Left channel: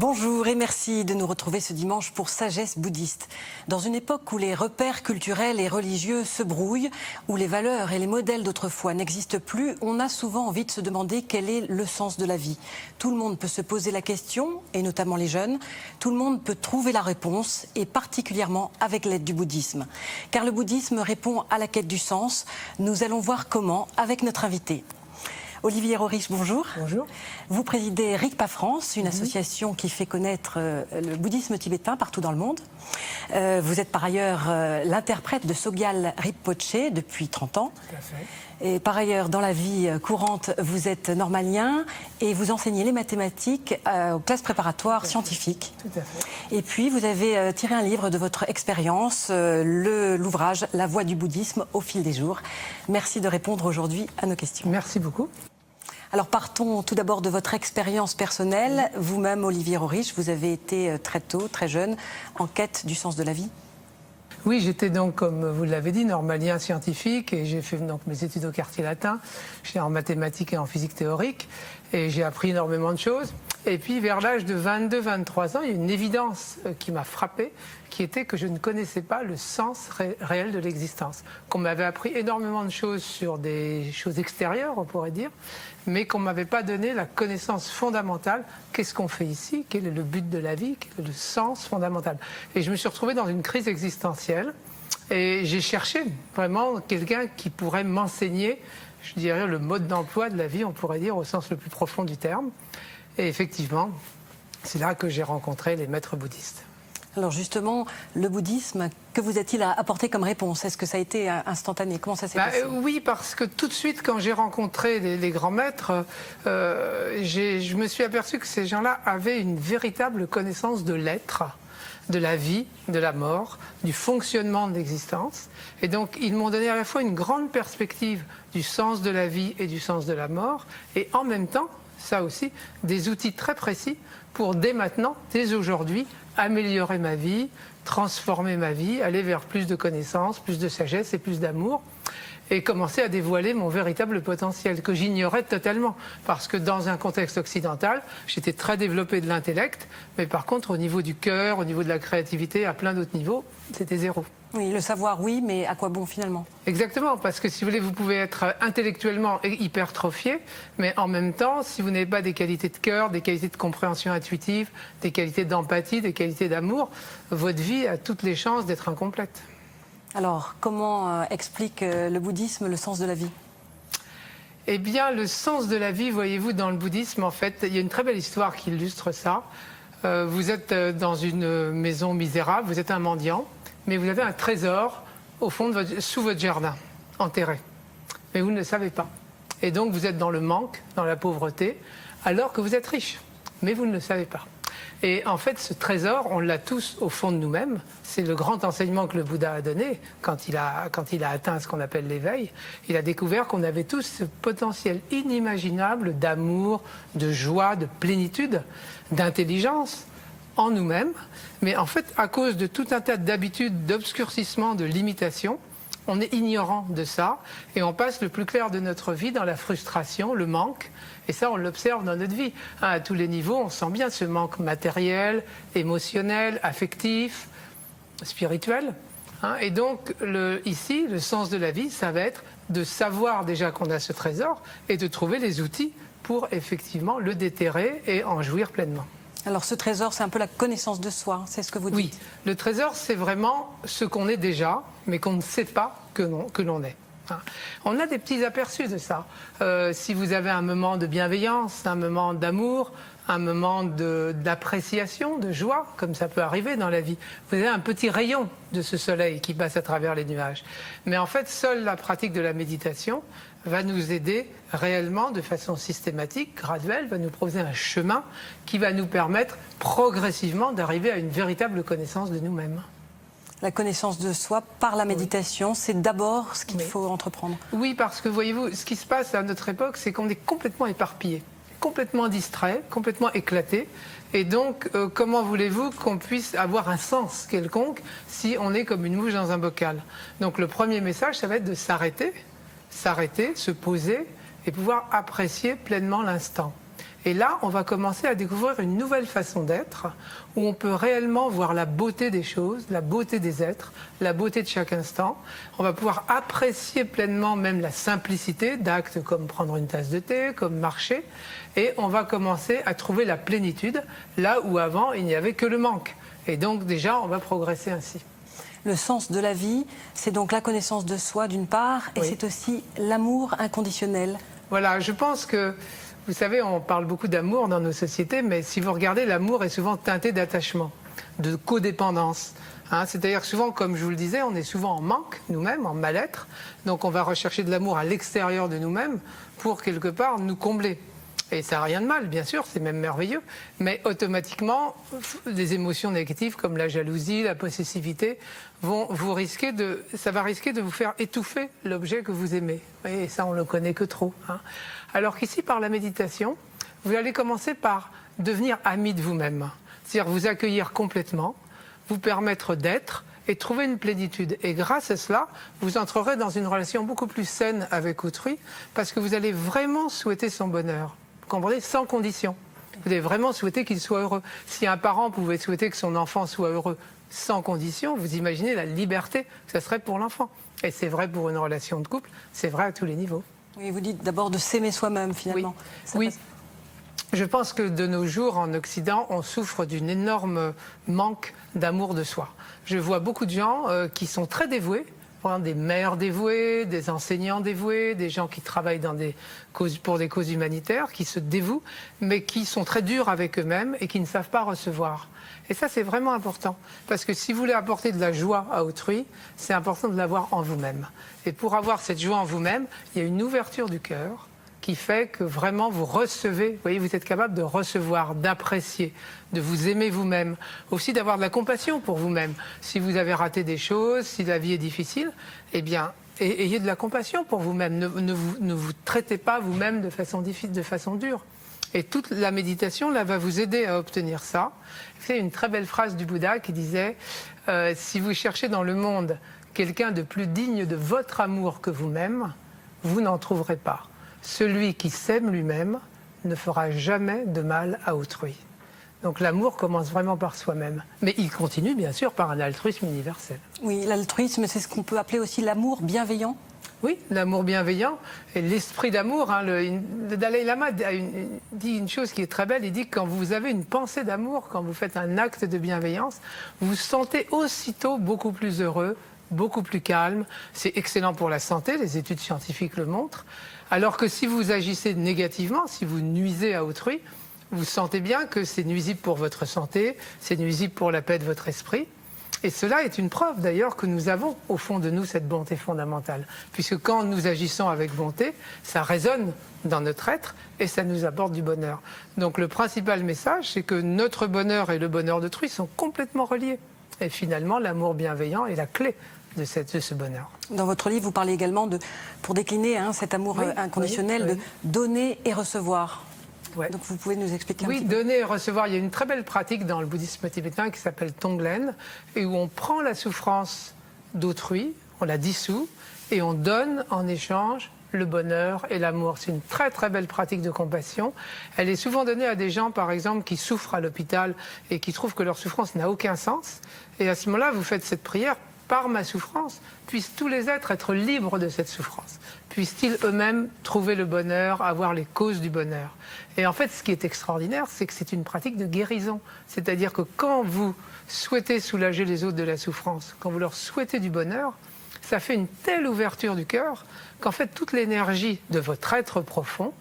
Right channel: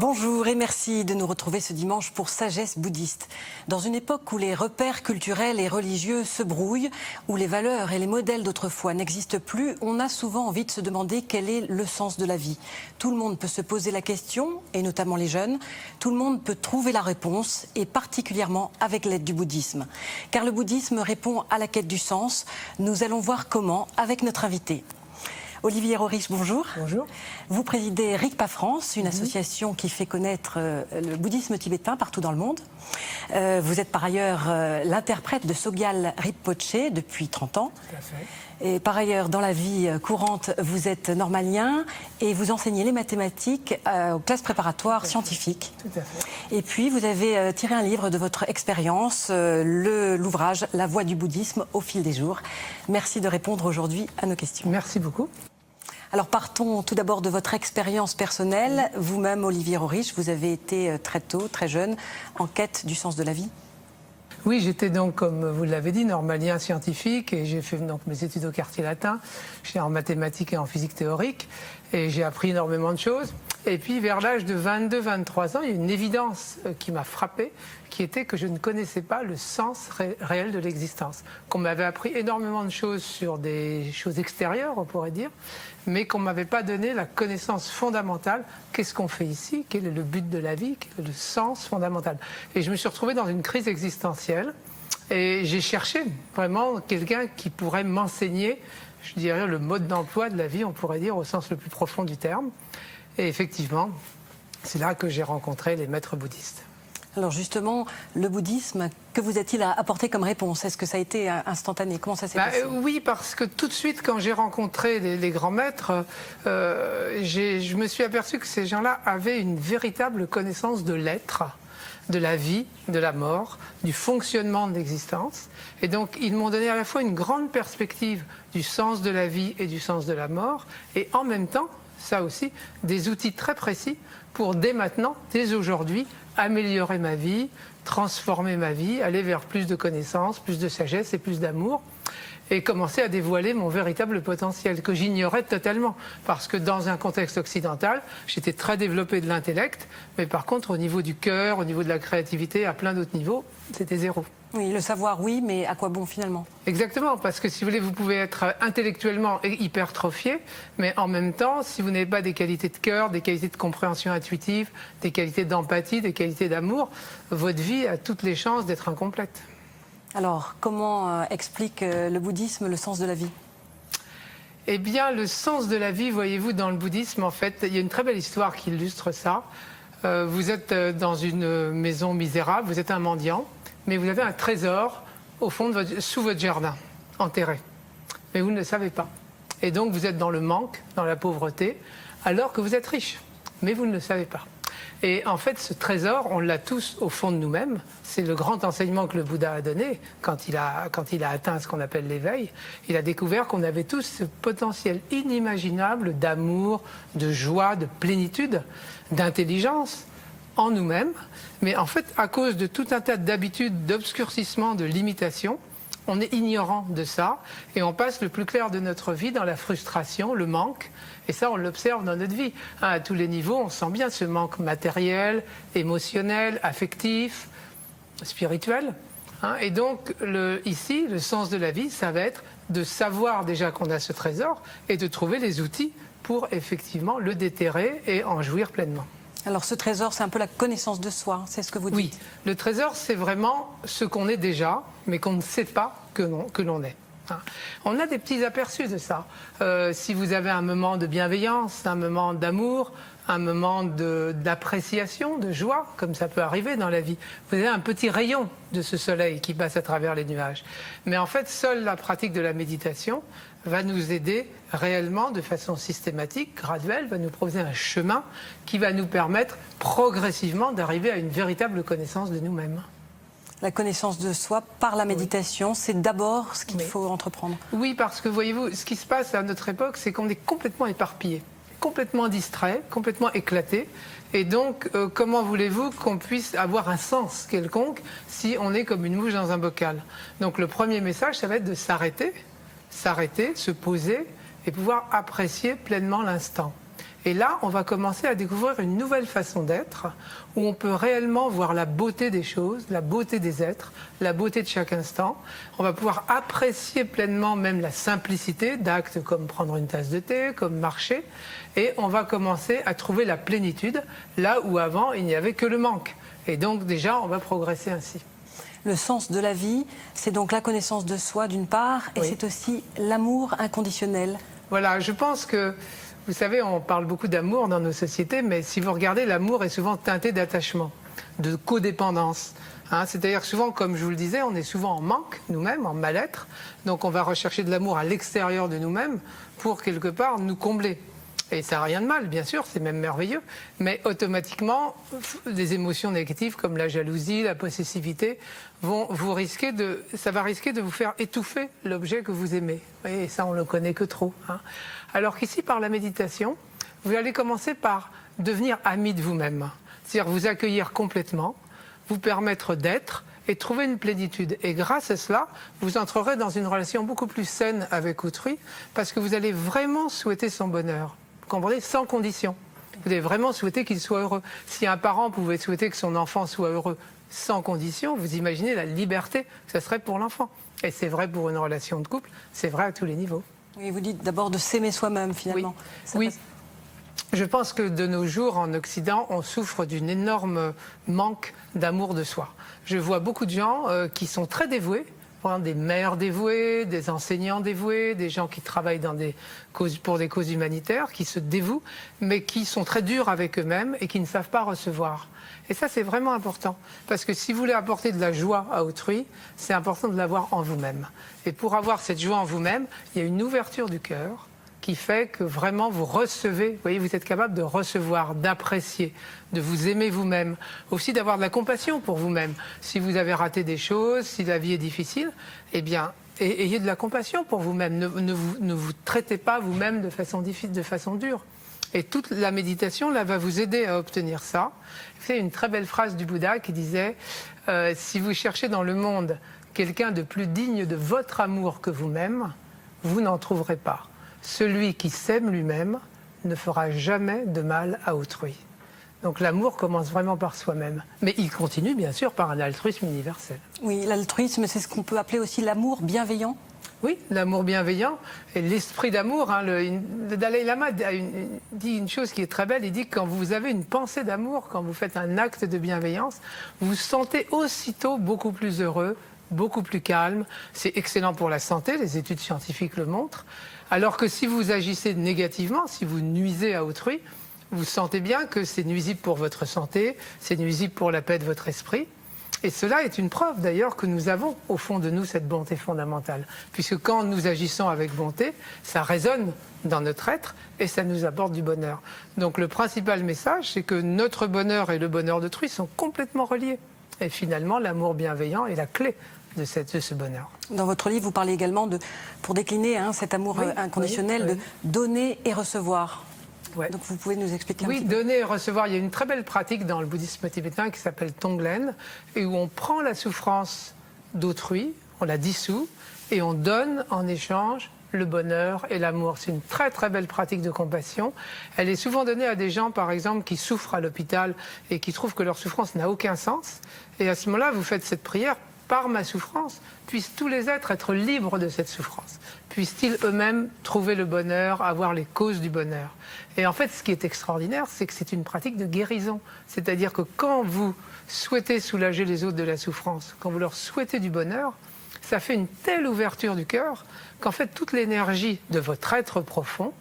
Bonjour et merci de nous retrouver ce dimanche pour Sagesse bouddhiste. Dans une époque où les repères culturels et religieux se brouillent, où les valeurs et les modèles d'autrefois n'existent plus, on a souvent envie de se demander quel est le sens de la vie. Tout le monde peut se poser la question, et notamment les jeunes. Tout le monde peut trouver la réponse, et particulièrement avec l'aide du bouddhisme. Car le bouddhisme répond à la quête du sens. Nous allons voir comment avec notre invité. Olivier Roriche, bonjour. Bonjour. Vous présidez Rigpa France, une association qui fait connaître le bouddhisme tibétain partout dans le monde. Vous êtes par ailleurs l'interprète de Sogyal Rinpoche depuis 30 ans. Tout à fait. Et par ailleurs, dans la vie courante, vous êtes normalien et vous enseignez les mathématiques aux classes préparatoires scientifiques. Tout à fait. Et puis, vous avez tiré un livre de votre expérience, l'ouvrage « La voie du bouddhisme au fil des jours ». Merci de répondre aujourd'hui à nos questions. Merci beaucoup. Alors partons tout d'abord de votre expérience personnelle. Vous-même, Olivier Roriche, vous avez été très tôt, très jeune, en quête du sens de la vie. Oui, j'étais donc, comme vous l'avez dit, normalien scientifique et j'ai fait donc mes études au quartier latin. J'étais en mathématiques et en physique théorique et j'ai appris énormément de choses. Et puis vers l'âge de 22-23 ans, il y a une évidence qui m'a frappée, qui était que je ne connaissais pas le sens réel de l'existence. Qu'on m'avait appris énormément de choses sur des choses extérieures, on pourrait dire, mais qu'on ne m'avait pas donné la connaissance fondamentale. Qu'est-ce qu'on fait ici? Quel est le but de la vie? Quel est le sens fondamental? Et je me suis retrouvé dans une crise existentielle et j'ai cherché vraiment quelqu'un qui pourrait m'enseigner, je dirais, le mode d'emploi de la vie, on pourrait dire, au sens le plus profond du terme. Et effectivement, c'est là que j'ai rencontré les maîtres bouddhistes. Alors justement, le bouddhisme, que vous a-t-il apporté comme réponse? Est-ce que ça a été instantané? Comment ça s'est passé? Oui, parce que tout de suite, quand j'ai rencontré les grands maîtres, je me suis aperçu que ces gens-là avaient une véritable connaissance de l'être, de la vie, de la mort, du fonctionnement de l'existence. Et donc, ils m'ont donné à la fois une grande perspective du sens de la vie et du sens de la mort, et en même temps, ça aussi, des outils très précis pour dès maintenant, dès aujourd'hui, améliorer ma vie, transformer ma vie, aller vers plus de connaissances, plus de sagesse et plus d'amour, et commencer à dévoiler mon véritable potentiel, que j'ignorais totalement. Parce que dans un contexte occidental, j'étais très développé de l'intellect, mais par contre, au niveau du cœur, au niveau de la créativité, à plein d'autres niveaux, c'était zéro. Oui, le savoir, oui, mais à quoi bon finalement? Exactement, parce que si vous voulez, vous pouvez être intellectuellement hypertrophié, mais en même temps, si vous n'avez pas des qualités de cœur, des qualités de compréhension intuitive, des qualités d'empathie, des qualités d'amour, votre vie a toutes les chances d'être incomplète. Alors, comment explique le bouddhisme le sens de la vie? Eh bien, le sens de la vie, voyez-vous, dans le bouddhisme, en fait, il y a une très belle histoire qui illustre ça. Vous êtes dans une maison misérable, vous êtes un mendiant, mais vous avez un trésor au fond de sous votre jardin, enterré. Mais vous ne le savez pas. Et donc vous êtes dans le manque, dans la pauvreté, alors que vous êtes riche. Mais vous ne le savez pas. Et en fait, ce trésor, on l'a tous au fond de nous-mêmes. C'est le grand enseignement que le Bouddha a donné quand il a atteint ce qu'on appelle l'éveil. Il a découvert qu'on avait tous ce potentiel inimaginable d'amour, de joie, de plénitude, d'intelligence en nous-mêmes. Mais en fait, à cause de tout un tas d'habitudes, d'obscurcissement, de limitations, on est ignorant de ça et on passe le plus clair de notre vie dans la frustration, le manque. Et ça, on l'observe dans notre vie. À tous les niveaux, on sent bien ce manque matériel, émotionnel, affectif, spirituel. Et donc, ici, le sens de la vie, ça va être de savoir déjà qu'on a ce trésor et de trouver les outils pour effectivement le déterrer et en jouir pleinement. Alors ce trésor, c'est un peu la connaissance de soi, c'est ce que vous dites? Oui, le trésor, c'est vraiment ce qu'on est déjà, mais qu'on ne sait pas que l'on est. On a des petits aperçus de ça. Si vous avez un moment de bienveillance, un moment d'amour, un moment d'appréciation, de joie, comme ça peut arriver dans la vie, vous avez un petit rayon de ce soleil qui passe à travers les nuages. Mais en fait, seule la pratique de la méditation va nous aider réellement de façon systématique, graduelle, va nous proposer un chemin qui va nous permettre progressivement d'arriver à une véritable connaissance de nous-mêmes. La connaissance de soi par la méditation, c'est d'abord ce qu'il faut entreprendre. Oui, parce que voyez-vous, ce qui se passe à notre époque, c'est qu'on est complètement éparpillé, complètement distrait, complètement éclaté. Et donc, comment voulez-vous qu'on puisse avoir un sens quelconque si on est comme une mouche dans un bocal? Donc le premier message, ça va être de s'arrêter, se poser et pouvoir apprécier pleinement l'instant. Et là, on va commencer à découvrir une nouvelle façon d'être, où on peut réellement voir la beauté des choses, la beauté des êtres, la beauté de chaque instant. On va pouvoir apprécier pleinement même la simplicité d'actes comme prendre une tasse de thé, comme marcher. Et on va commencer à trouver la plénitude, là où avant, il n'y avait que le manque. Et donc déjà, on va progresser ainsi. Le sens de la vie, c'est donc la connaissance de soi d'une part, et c'est aussi l'amour inconditionnel. Voilà, je pense que, vous savez, on parle beaucoup d'amour dans nos sociétés, mais si vous regardez, l'amour est souvent teinté d'attachement, de codépendance. C'est-à-dire souvent, comme je vous le disais, on est souvent en manque nous-mêmes, en mal-être. Donc on va rechercher de l'amour à l'extérieur de nous-mêmes pour quelque part nous combler. Et ça n'a rien de mal, bien sûr, c'est même merveilleux. Mais automatiquement, des émotions négatives comme la jalousie, la possessivité, ça va risquer de vous faire étouffer l'objet que vous aimez. Et ça, on ne le connaît que trop. Alors qu'ici, par la méditation, vous allez commencer par devenir ami de vous-même. C'est-à-dire vous accueillir complètement, vous permettre d'être et trouver une plénitude. Et grâce à cela, vous entrerez dans une relation beaucoup plus saine avec autrui parce que vous allez vraiment souhaiter son bonheur. Vous comprenez, sans condition. Vous allez vraiment souhaiter qu'il soit heureux. Si un parent pouvait souhaiter que son enfant soit heureux sans condition, vous imaginez la liberté que ce serait pour l'enfant. Et c'est vrai pour une relation de couple, c'est vrai à tous les niveaux. Oui, vous dites d'abord de s'aimer soi-même, finalement. Oui. Je pense que de nos jours, en Occident, on souffre d'un énorme manque d'amour de soi. Je vois beaucoup de gens qui sont très dévoués, des mères dévouées, des enseignants dévoués, des gens qui travaillent pour des causes humanitaires, qui se dévouent, mais qui sont très durs avec eux-mêmes et qui ne savent pas recevoir. Et ça, c'est vraiment important. Parce que si vous voulez apporter de la joie à autrui, c'est important de l'avoir en vous-même. Et pour avoir cette joie en vous-même, il y a une ouverture du cœur qui fait que vraiment vous recevez, vous voyez, vous êtes capable de recevoir, d'apprécier, de vous aimer vous-même, aussi d'avoir de la compassion pour vous-même. Si vous avez raté des choses, si la vie est difficile, eh bien, ayez de la compassion pour vous-même. Ne vous traitez pas vous-même de façon difficile, de façon dure. Et toute la méditation, là, va vous aider à obtenir ça. C'est une très belle phrase du Bouddha qui disait si vous cherchez dans le monde quelqu'un de plus digne de votre amour que vous-même, vous n'en trouverez pas. Celui qui s'aime lui-même ne fera jamais de mal à autrui. Donc l'amour commence vraiment par soi-même. Mais il continue bien sûr par un altruisme universel. Oui, l'altruisme, c'est ce qu'on peut appeler aussi l'amour bienveillant. Oui, l'amour bienveillant et l'esprit d'amour. Le Dalai Lama dit une chose qui est très belle. Il dit que quand vous avez une pensée d'amour, quand vous faites un acte de bienveillance, vous vous sentez aussitôt beaucoup plus heureux, beaucoup plus calme. C'est excellent pour la santé, les études scientifiques le montrent. Alors que si vous agissez négativement, si vous nuisez à autrui, vous sentez bien que c'est nuisible pour votre santé, c'est nuisible pour la paix de votre esprit. Et cela est une preuve d'ailleurs que nous avons au fond de nous cette bonté fondamentale. Puisque quand nous agissons avec bonté, ça résonne dans notre être et ça nous apporte du bonheur. Donc le principal message, c'est que notre bonheur et le bonheur d'autrui sont complètement reliés. Et finalement, l'amour bienveillant est la clé de ce bonheur. Dans votre livre, vous parlez également pour décliner cet amour inconditionnel, de donner et recevoir. Ouais. Donc vous pouvez nous expliquer un petit peu. Oui, donner et recevoir. Il y a une très belle pratique dans le bouddhisme tibétain qui s'appelle Tonglen, et où on prend la souffrance d'autrui, on la dissout, et on donne en échange le bonheur et l'amour. C'est une très très belle pratique de compassion. Elle est souvent donnée à des gens, par exemple, qui souffrent à l'hôpital et qui trouvent que leur souffrance n'a aucun sens. Et à ce moment-là, vous faites cette prière. Par ma souffrance, puissent tous les êtres être libres de cette souffrance. Puissent-ils eux-mêmes trouver le bonheur, avoir les causes du bonheur. Et en fait, ce qui est extraordinaire, c'est que c'est une pratique de guérison. C'est-à-dire que quand vous souhaitez soulager les autres de la souffrance, quand vous leur souhaitez du bonheur, ça fait une telle ouverture du cœur qu'en fait, toute l'énergie de votre être profond,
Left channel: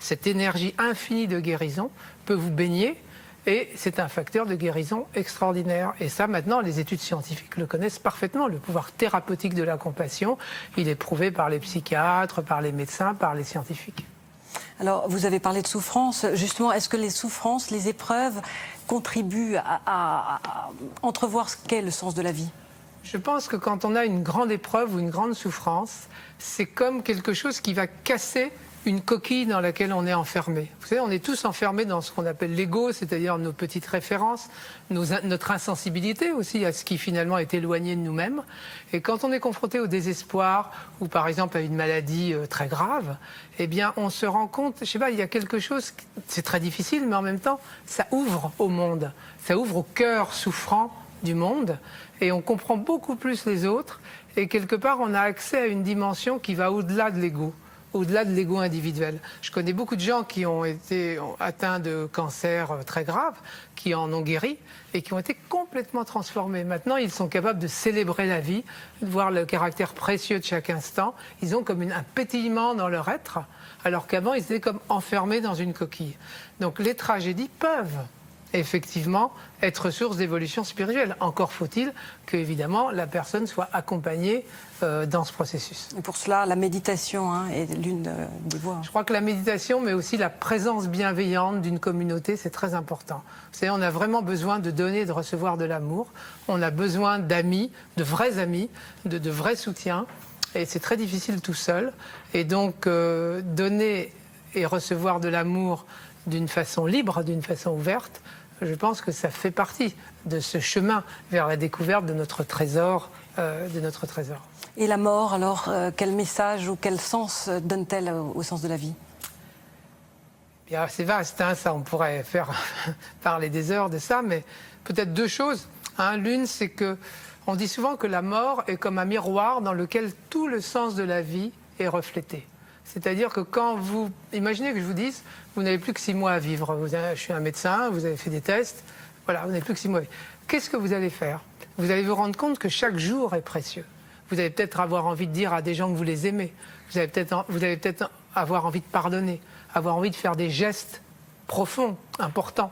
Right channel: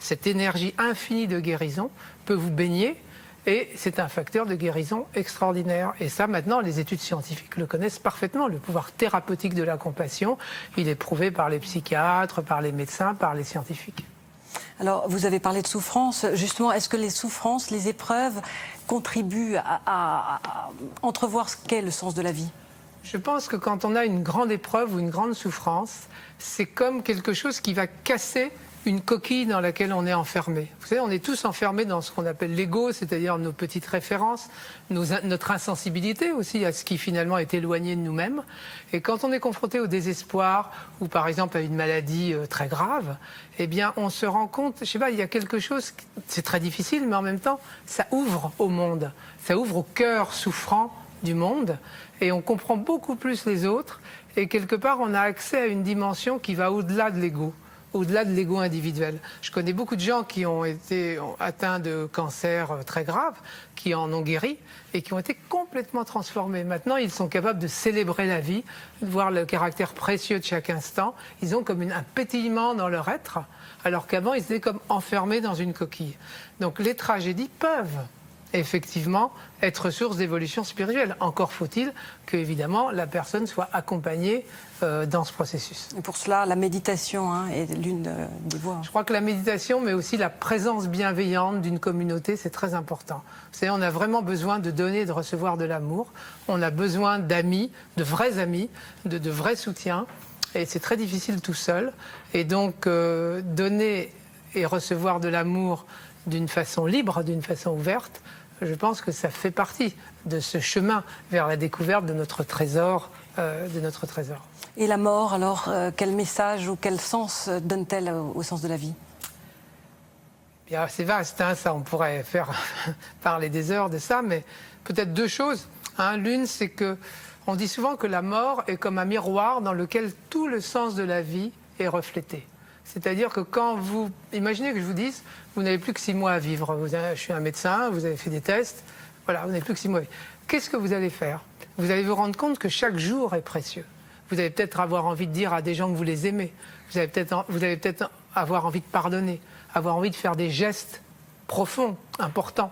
cette énergie infinie de guérison, peut vous baigner. Et c'est un facteur de guérison extraordinaire. Et ça, maintenant, les études scientifiques le connaissent parfaitement. Le pouvoir thérapeutique de la compassion, il est prouvé par les psychiatres, par les médecins, par les scientifiques. Alors, vous avez parlé de souffrance. Justement, est-ce que les souffrances, les épreuves contribuent à entrevoir ce qu'est le sens de la vie ? Je pense que quand on a une grande épreuve ou une grande souffrance, c'est comme quelque chose qui va casser une coquille dans laquelle on est enfermé. Vous savez, on est tous enfermés dans ce qu'on appelle l'ego, c'est-à-dire nos petites références, notre insensibilité aussi à ce qui finalement est éloigné de nous-mêmes. Et quand on est confronté au désespoir ou par exemple à une maladie très grave, eh bien on se rend compte, je sais pas, il y a quelque chose, c'est très difficile, mais en même temps, ça ouvre au monde, ça ouvre au cœur souffrant du monde et on comprend beaucoup plus les autres et quelque part on a accès à une dimension qui va au-delà de l'ego. Au-delà de l'ego individuel. Je connais beaucoup de gens qui ont été atteints de cancer très graves, qui en ont guéri et qui ont été complètement transformés. Maintenant, ils sont capables de célébrer la vie, de voir le caractère précieux de chaque instant. Ils ont comme un pétillement dans leur être, alors qu'avant, ils étaient comme enfermés dans une coquille. Donc les tragédies peuvent effectivement être source d'évolution spirituelle. Encore faut-il que, évidemment, la personne soit accompagnée dans ce processus. Et pour cela, la méditation est l'une des voies. Je crois que la méditation, mais aussi la présence bienveillante d'une communauté, c'est très important. Vous savez, on a vraiment besoin de donner et de recevoir de l'amour. On a besoin d'amis, de vrais soutiens. Et c'est très difficile tout seul. Et donc, donner et recevoir de l'amour d'une façon libre, d'une façon ouverte, je pense que ça fait partie de ce chemin vers la découverte de notre trésor. Et la mort, alors, quel message ou quel sens donne-t-elle au sens de la vie? Bien, c'est vaste, ça, on pourrait faire parler des heures de ça, mais peut-être deux choses. L'une, c'est que on dit souvent que la mort est comme un miroir dans lequel tout le sens de la vie est reflété. C'est-à-dire que quand vous... Imaginez que je vous dise, vous n'avez plus que 6 mois à vivre. Je suis un médecin, vous avez fait des tests, voilà, vous n'avez plus que 6 mois. Qu'est-ce que vous allez faire? Vous allez vous rendre compte que chaque jour est précieux. Vous allez peut-être avoir envie de dire à des gens que vous les aimez. Vous allez peut-être avoir envie de pardonner, avoir envie de faire des gestes profonds, importants.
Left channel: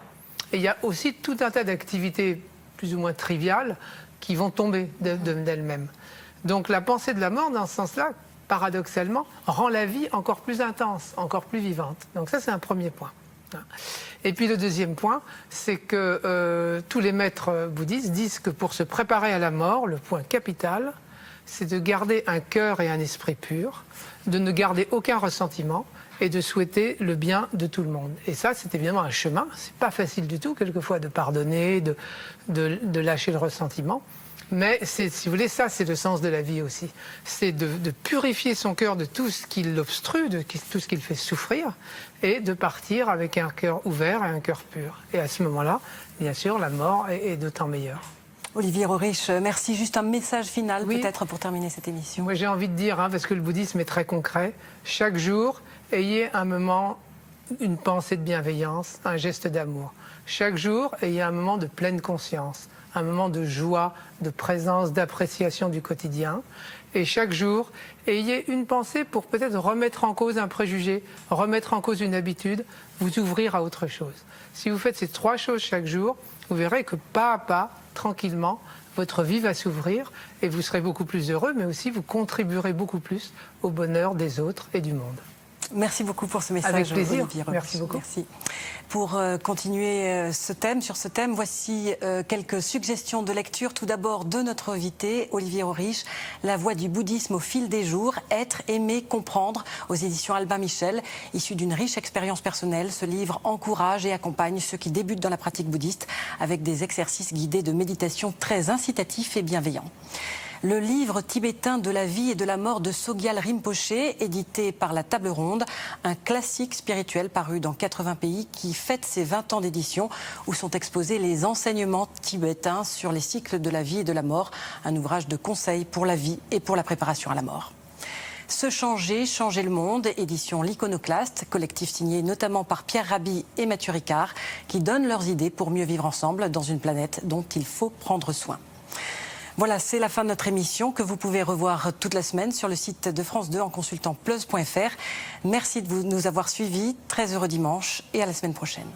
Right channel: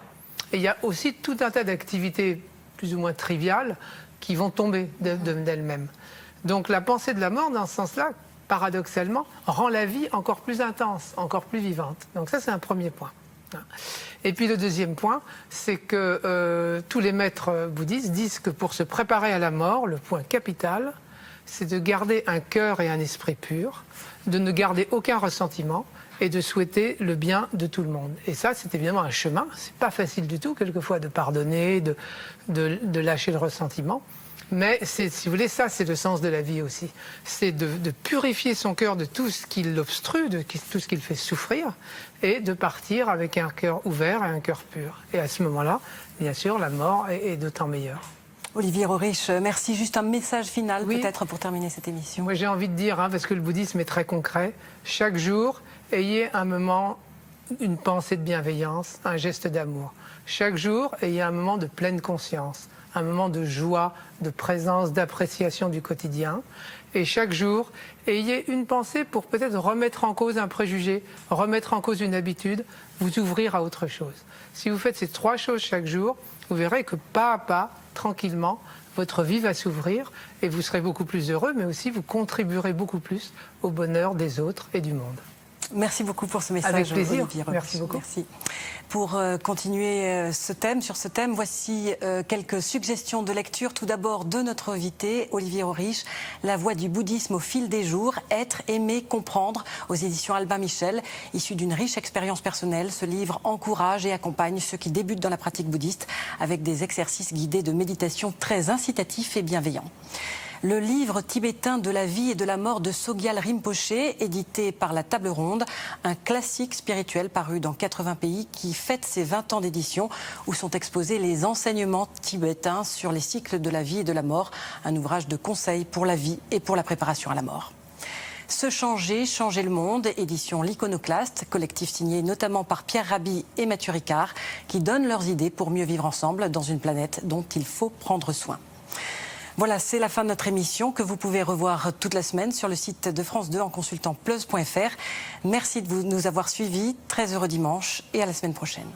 Et il y a aussi tout un tas d'activités plus ou moins triviales qui vont tomber d'elles-mêmes. Donc la pensée de la mort, dans ce sens-là, paradoxalement, rend la vie encore plus intense, encore plus vivante. Donc ça, c'est un premier point. Et puis le deuxième point, c'est que tous les maîtres bouddhistes disent que pour se préparer à la mort, le point capital, c'est de garder un cœur et un esprit purs, de ne garder aucun ressentiment et de souhaiter le bien de tout le monde. Et ça, c'est évidemment un chemin. C'est pas facile du tout, quelquefois, de pardonner, de lâcher le ressentiment. Mais si vous voulez, ça, c'est le sens de la vie aussi. C'est de purifier son cœur de tout ce qui l'obstrue, de tout ce qui le fait souffrir, et de partir avec un cœur ouvert et un cœur pur. Et à ce moment-là, bien sûr, la mort est d'autant meilleure. Olivier Roerich, merci. Juste un message final, oui, peut-être, pour terminer cette émission. Moi, j'ai envie de dire, parce que le bouddhisme est très concret, chaque jour, ayez un moment, une pensée de bienveillance, un geste d'amour. Chaque jour, ayez un moment de pleine conscience, un moment de joie, de présence, d'appréciation du quotidien. Et chaque jour, ayez une pensée pour peut-être remettre en cause un préjugé, remettre en cause une habitude, vous ouvrir à autre chose. Si vous faites ces 3 choses chaque jour, vous verrez que pas à pas, tranquillement, votre vie va s'ouvrir et vous serez beaucoup plus heureux, mais aussi vous contribuerez beaucoup plus au bonheur des autres et du monde. Merci beaucoup pour ce message. Avec plaisir. Olivier Roerich. Merci beaucoup. Merci. Pour continuer sur ce thème, voici quelques suggestions de lecture. Tout d'abord de notre invité, Olivier Roerich, La voie du bouddhisme au fil des jours, Être, aimer, comprendre, aux éditions Albin Michel. Issu d'une riche expérience personnelle, ce livre encourage et accompagne ceux qui débutent dans la pratique bouddhiste avec des exercices guidés de méditation très incitatifs et bienveillants. Le livre tibétain de la vie et de la mort de Sogyal Rinpoché, édité par la Table Ronde, un classique spirituel paru dans 80 pays qui fête ses 20 ans d'édition, où sont exposés les enseignements tibétains sur les cycles de la vie et de la mort, un ouvrage de conseil pour la vie et pour la préparation à la mort. Se changer, changer le monde, édition L'Iconoclaste, collectif signé notamment par Pierre Rabhi et Mathieu Ricard, qui donnent leurs idées pour mieux vivre ensemble dans une planète dont il faut prendre soin. Voilà, c'est la fin de notre émission que vous pouvez revoir toute la semaine sur le site de France 2 en consultant plus.fr. Merci de nous avoir suivis, très heureux dimanche et à la semaine prochaine.